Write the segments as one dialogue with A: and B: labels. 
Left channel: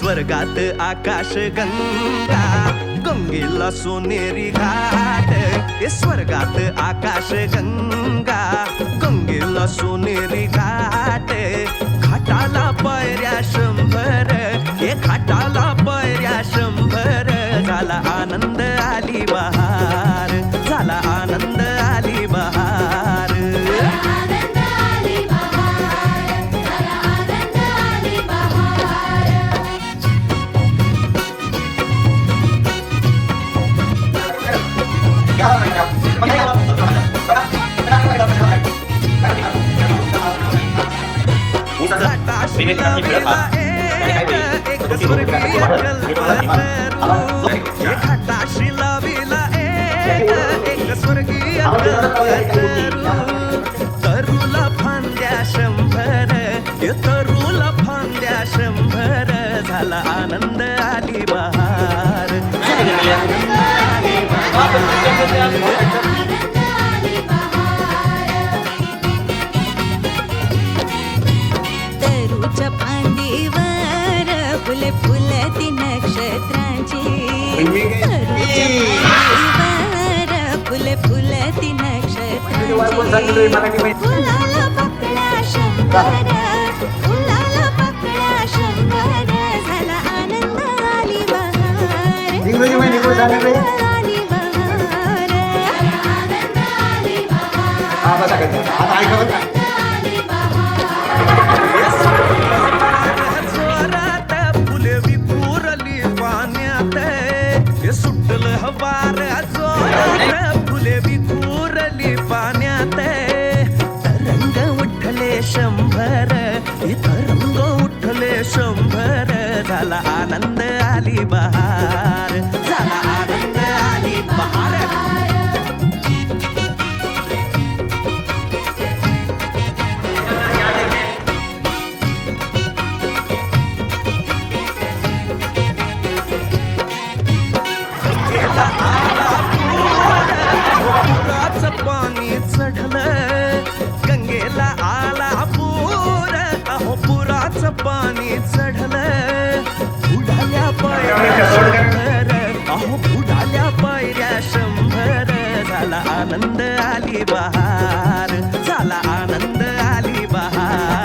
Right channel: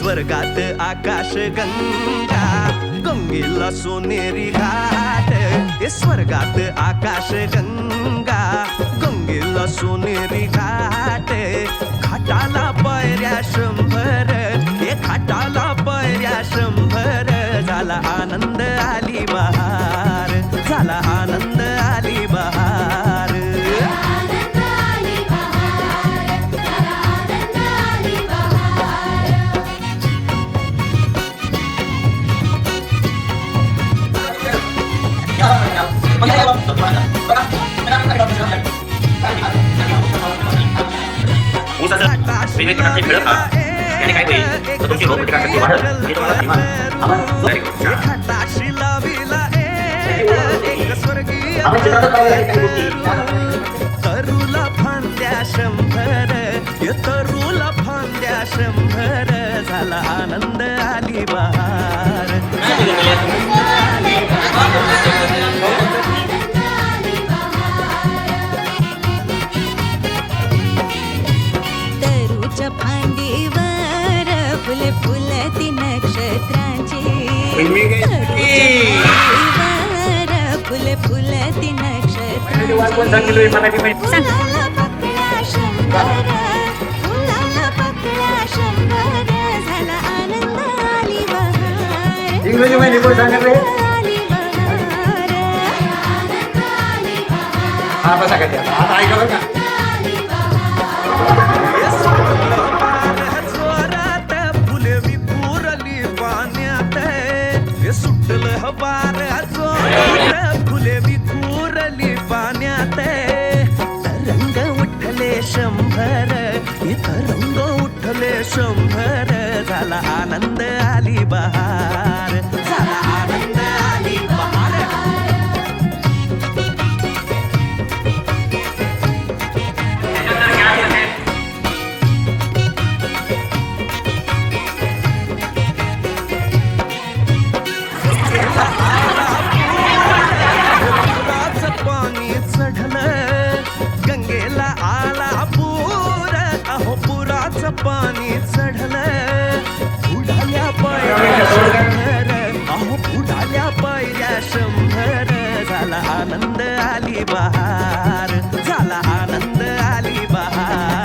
A: स्वर्गात आकाश गंगा गंगेला सोनेरी घाट. हे स्वर्गात आकाश गंगा गंगेला सोनेरी घाट. घाटाला पायऱ्या शंभर हे घाटाला पायऱ्या शंभर. झाला आनंद आली बहार झाला आनंद आली बहार. एक एक स्वर्गीय तरुला फांद्या शंभर तरुला फांद्या शंभर झाला आनंद आली बहार झाला आनंद आली बहार
B: तरूच्या फांदीवर फुले फुलती नक्षत्रांची. तरूच्या फांदीवर फुले फुलती नक्षत्रांची. फुलाला पकडा शंभर फुलाला पकडा शंभर. झाला आनंद आली बहार आनंद आली बहार.
C: आनंद आली बहार आनंद आली
A: सुटल हवार जोरात फुले विखुरली पाण्यात. तरंग उठले शंभर. इथं रंग उठले शंभर. झाला आनंद आली बहार. झाला आनंद आली चढलं गंगेला आला पूर. अहो पुराचं पाणी चढलं. बुडाल्या पायऱ्या शंभर. अहो बुडाल्या पायऱ्या शंभर. झाला आनंद आली बहार. झाला आनंद आली बहार.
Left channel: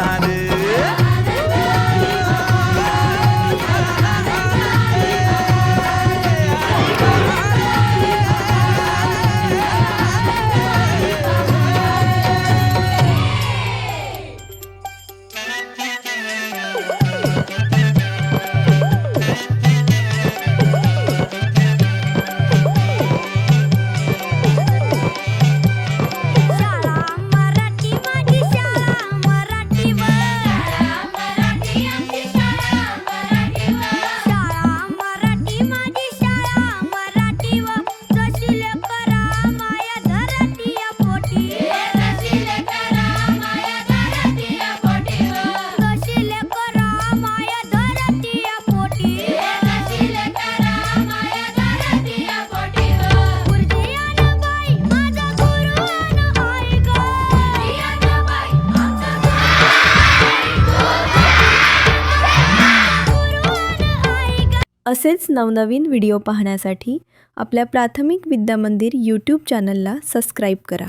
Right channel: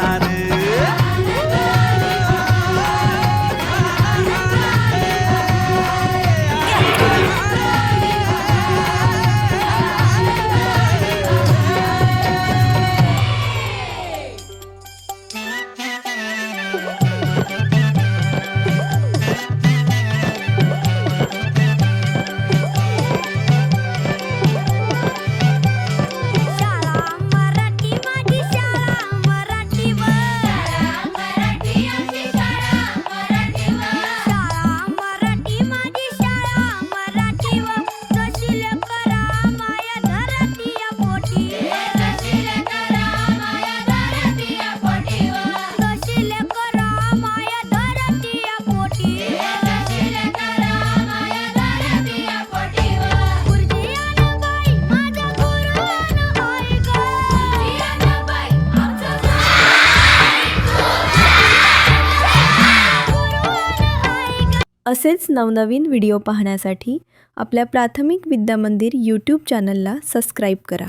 D: असेच नवनवीन व्हिडिओ पाहण्यासाठी आपल्या प्राथमिक विद्यामंदिर यूट्यूब चॅनलला सबस्क्राईब करा.